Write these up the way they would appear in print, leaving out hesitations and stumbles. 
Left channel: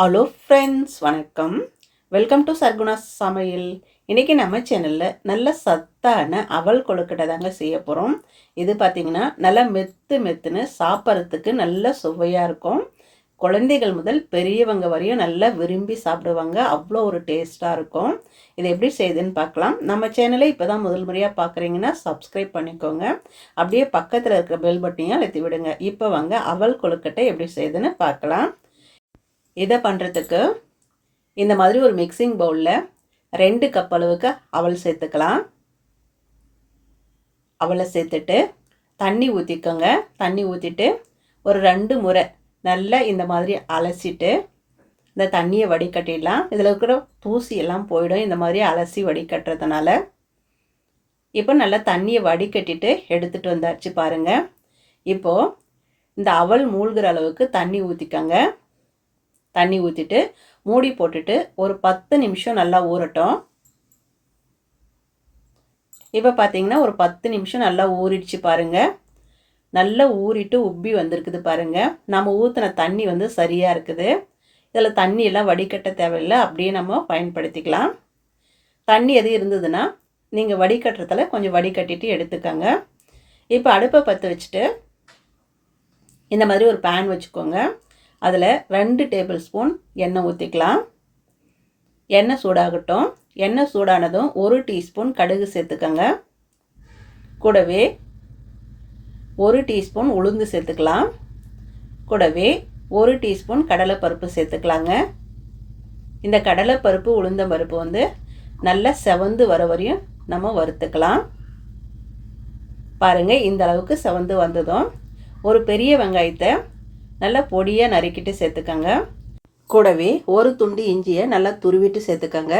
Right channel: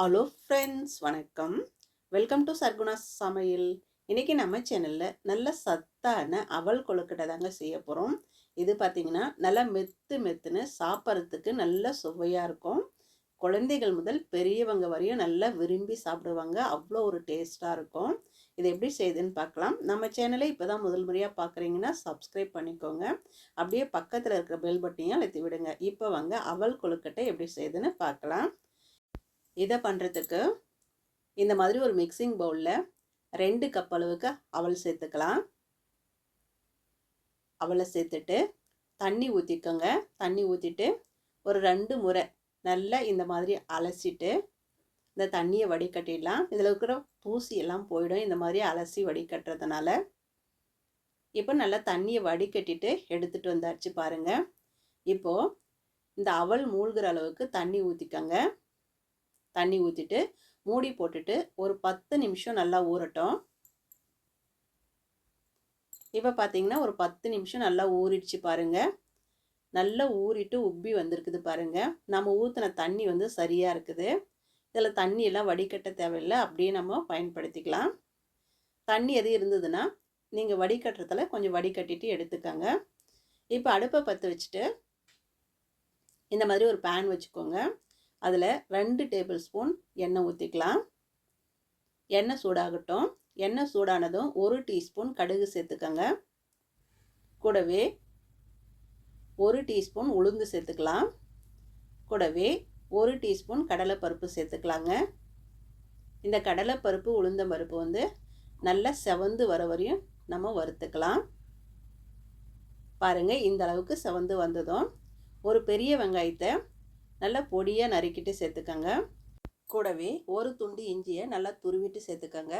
Hello friends, வணக்கம். Welcome to Sargunas சமையல். இன்றைக்கி நம்ம சேனலில் நல்ல சத்தான அவல் கொழுக்கட்டை தாங்க செய்ய போகிறோம். இது பார்த்திங்கன்னா நல்லா மெத்துன்னு சாப்பிட்றதுக்கு நல்ல சுவையாக இருக்கும். குழந்தைகள் முதல் பெரியவங்க வரையும் நல்லா விரும்பி சாப்பிடுவாங்க. அவ்வளோ ஒரு டேஸ்ட்டாக இருக்கும். இதை எப்படி செய்யுதுன்னு பார்க்கலாம். நம்ம சேனலை இப்போ தான் முதல் முறையாக பார்க்குறீங்கன்னா சப்ஸ்கிரைப் பண்ணிக்கோங்க. அப்படியே பக்கத்தில் இருக்கிற பெல் பட்டனையும் அழுத்தி விடுங்க. இப்போ வாங்க அவல் கொழுக்கட்டை எப்படி செய்யுதுன்னு பார்க்கலாம். இதை பண்ணுறதுக்கு இந்த மாதிரி ஒரு மிக்சிங் பவுலில் 2 கப் அளவுக்கு அவல் சேர்த்துக்கலாம். அவலை சேர்த்துட்டு தண்ணி ஊற்றிக்கோங்க. தண்ணி ஊற்றிட்டு ஒரு 2 முறை நல்லா இந்த மாதிரி அலசிட்டு இந்த தண்ணியை வடிகட்டிடலாம். இதில் இருக்கிற தூசி எல்லாம் போயிடும் இந்த மாதிரி அலசி வடிகட்டுறதுனால. இப்போ நல்லா தண்ணியை வடிகட்டிட்டு எடுத்துகிட்டு வந்தாச்சு பாருங்கள். இப்போது இந்த அவல் மூழ்கிற அளவுக்கு தண்ணி ஊற்றிக்கோங்க. தண்ணி ஊற்றிட்டு மூடி போட்டுட்டு ஒரு 10 நிமிஷம் நல்லா ஊறட்டும். இப்போ பார்த்தீங்கன்னா ஒரு 10 நிமிஷம் நல்லா ஊறிடுச்சு பாருங்கள். நல்லா ஊறிட்டு உப்பி வந்திருக்குது பாருங்கள். நம்ம ஊற்றின தண்ணி வந்து சரியாக இருக்குது. இதில் தண்ணியெல்லாம் வடிகட்ட தேவையில்லை, அப்படியே நம்ம பயன்படுத்திக்கலாம். தண்ணி எது இருந்ததுன்னா நீங்கள் வடிகட்டுறதுல கொஞ்சம் வடிகட்டிட்டு எடுத்துக்கோங்க. இப்போ அடுப்பை பற்ற வச்சுட்டு இந்த மாதிரி ஒரு பேன் வச்சுக்கோங்க. அதில் 2 டேபிள் ஸ்பூன் எண்ணெய் ஊற்றிக்கலாம். எண்ணெய் சூடாகட்டும். எண்ணெய் சூடானதும் 1 டீஸ்பூன் கடுகு சேர்த்துக்கோங்க. கூடவே 1 டீஸ்பூன் உளுந்து சேர்த்துக்கலாம். கூடவே 1 டீஸ்பூன் கடலைப்பருப்பு சேர்த்துக்கலாங்க. இந்த கடலைப்பருப்பு உளுந்தம்பருப்பு வந்து நல்லா செவந்து வர வரையும் நம்ம வறுத்துக்கலாம். பாருங்கள், இந்த அளவுக்கு செவந்து வந்ததும் ஒரு பெரிய வெங்காயத்தை நல்லா பொடியாக நறுக்கிட்டு சேர்த்துக்கோங்க. கூடவே ஒரு துண்டு இஞ்சியை நல்லா துருவிட்டு சேர்த்துக்கோங்க.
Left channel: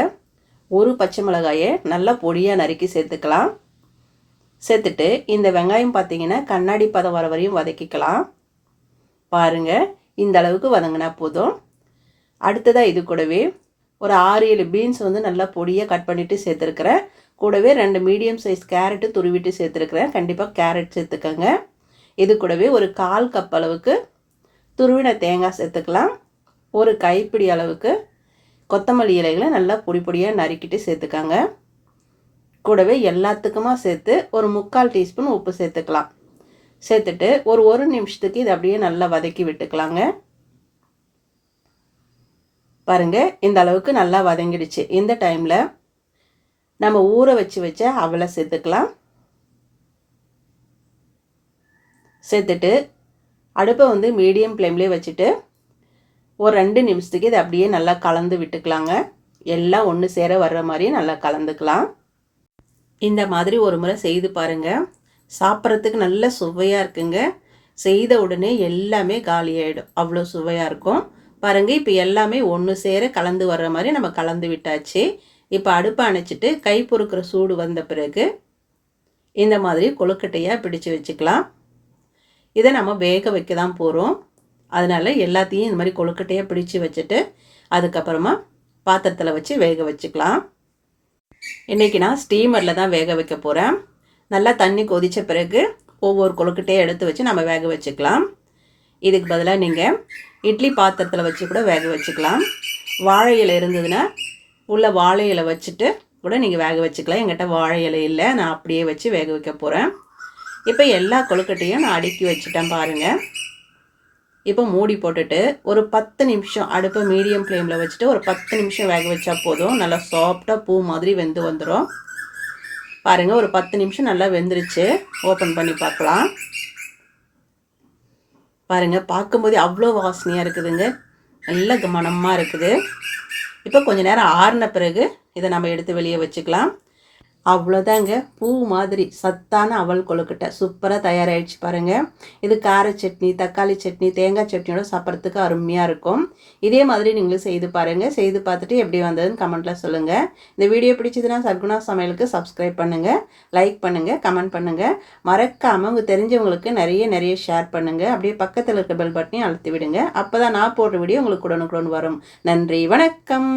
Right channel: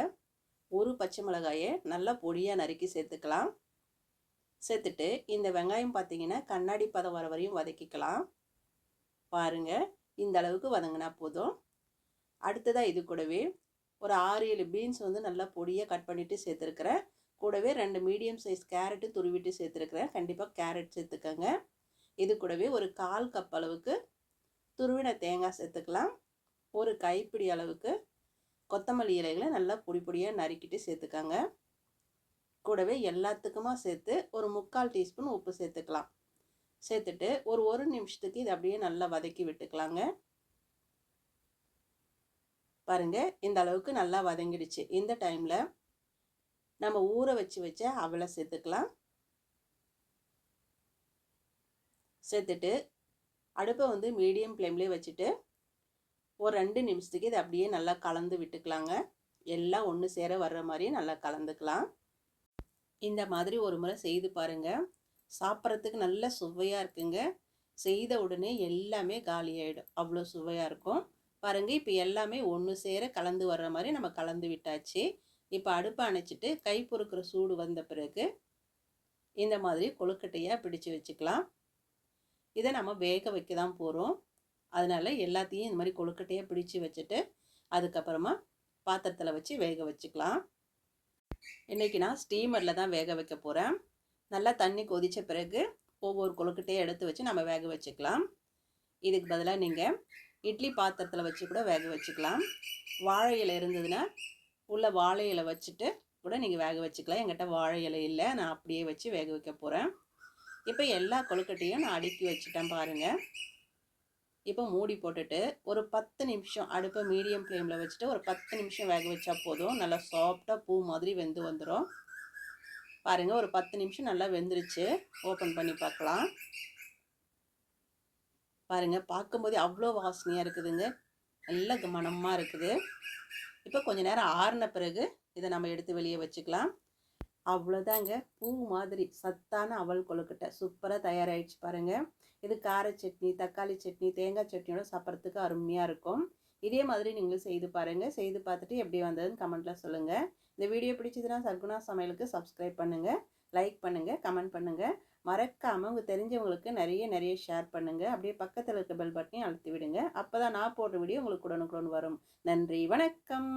ஒரு பச்சை மிளகாயை நல்லா பொடியாக நறுக்கி சேர்த்துக்கலாம். சேர்த்துட்டு இந்த வெங்காயம் பார்த்தீங்கன்னா கண்ணாடி பதம் வர வரையும் வதக்கிக்கலாம். பாருங்கள், இந்த அளவுக்கு வதங்கினா போதும். அடுத்ததாக இது கூடவே ஒரு 6-7 பீன்ஸ் வந்து நல்லா பொடியாக கட் பண்ணிவிட்டு சேர்த்துருக்குறேன். கூடவே 2 மீடியம் சைஸ் கேரட்டு துருவிட்டு சேர்த்துருக்குறேன். கண்டிப்பாக கேரட் சேர்த்துக்கோங்க. இது கூடவே ஒரு 1/4 கப் அளவுக்கு துருவின தேங்காய் சேர்த்துக்கலாம். ஒரு கைப்பிடி அளவுக்கு கொத்தமல்லி இலைகளை நல்லா பொடியாக நறுக்கிட்டு சேர்த்துக்கோங்க. கூடவே எல்லாத்துக்குமா சேர்த்து ஒரு 3/4 டீஸ்பூன் உப்பு சேர்த்துக்கலாம். சேர்த்துட்டு ஒரு நிமிஷத்துக்கு இதை அப்படியே நல்லா வதக்கி விட்டுக்கலாங்க. பாருங்கள், இந்த அளவுக்கு நல்லா வதங்கிடுச்சு. இந்த டைமில் நம்ம ஊற வச்ச அவலை சேர்த்துக்கலாம். சேர்த்துட்டு அடுப்பை வந்து மீடியம் ஃப்ளேம்லேயே வச்சுட்டு ஒரு 2 நிமிஷத்துக்கு இதை அப்படியே நல்லா கலந்து விட்டுக்கலாங்க. எல்லாம் ஒன்று சேர வர்ற மாதிரி நல்லா கலந்துக்கலாம். இந்த மாதிரி ஒரு முறை செய்து பாருங்கள். சாப்பிட்றதுக்கு நல்ல சுவையாக இருக்குங்க. செய்த உடனே எல்லாமே காலியாகிடும், அவ்வளோ சுவையாக இருக்கும். பாருங்கள், இப்போ எல்லாமே ஒன்று சேர கலந்து வர்ற மாதிரி நம்ம கலந்து விட்டாச்சு. இப்போ அடுப்பை அணைச்சிட்டு கை பொறுக்கிற சூடு வந்த பிறகு இந்த மாதிரி கொழுக்கட்டையாக பிடிச்சு வச்சுக்கலாம். இதை நம்ம வேக வைக்க தான் போகிறோம். அதனால் எல்லாத்தையும் இந்த மாதிரி கொழுக்கட்டையாக பிடிச்சி வச்சுட்டு அதுக்கப்புறமா பாத்திரத்தில் வச்சு வேக வச்சுக்கலாம். இன்றைக்கி நான் ஸ்டீமரில் தான் வேக வைக்க போகிறேன். நல்லா தண்ணி கொதித்த பிறகு ஒவ்வொரு கொழுக்கட்டையை எடுத்து வச்சு நம்ம வேக வச்சுக்கலாம். இதுக்கு பதிலாக நீங்கள் இட்லி பாத்திரத்தில் வச்சு கூட வேக வச்சுக்கலாம். வாழை இலை இருந்ததுன்னா உள்ள வாழை இலை வச்சுட்டு கூட நீங்கள் வேக வச்சுக்கலாம். என்கிட்ட வாழை இலை இல்லை, நான் அப்படியே வச்சு வேக வைக்க போகிறேன். இப்போ எல்லா கொழுக்கட்டையும் நான் அடுக்கி வச்சுட்டேன் பாருங்கள். இப்போ மூடி போட்டுட்டு ஒரு 10 நிமிஷம் அடுப்பை மீடியம் ஃப்ளேமில் வச்சுட்டு ஒரு 10 நிமிஷம் வேக வச்சா போதும். நல்லா சாஃப்டாக பூ மாதிரி வெந்து வந்துடும். பாருங்கள், ஒரு 10 நிமிஷம் நல்லா வெந்துருச்சு. ஓப்பன் பண்ணி பார்க்கலாம். பாருங்கள், பார்க்கும்போது அவ்வளோ வாசனையாக இருக்குதுங்க. நல்ல மணமாக இருக்குது. இப்போ கொஞ்சம் நேரம் ஆறின பிறகு இதை நம்ம எடுத்து வெளியே வச்சுக்கலாம். அவ்வளோதாங்க, பூ மாதிரி சத்தான அவல் கொழுக்கட்டை சூப்பராக தயாராகிடுச்சு பாருங்கள். இது கார சட்னி, தக்காளி சட்னி, தேங்காய் சட்னியோட சாப்பிட்றதுக்கு அருமையாக இருக்கும். இதே மாதிரி நீங்களும் செய்து பாருங்கள். செய்து பார்த்துட்டு எப்படி வந்ததுன்னு கமெண்ட்டில் சொல்லுங்கள். இந்த வீடியோ பிடிச்சதுன்னா சர்குணா சமையலுக்கு சப்ஸ்கிரைப் பண்ணுங்கள், லைக் பண்ணுங்கள், கமெண்ட் பண்ணுங்கள். மறக்காமல் உங்கள் தெரிஞ்சவங்களுக்கு நிறைய ஷேர் பண்ணுங்கள். அப்படியே பக்கத்தில் இருக்க பெல் பட்டனையும் அழுத்தி விடுங்க. அப்போ தான் நான் போடுற வீடியோ உங்களுக்கு உடனுக்குடன் வரும். நன்றி, வணக்கம்.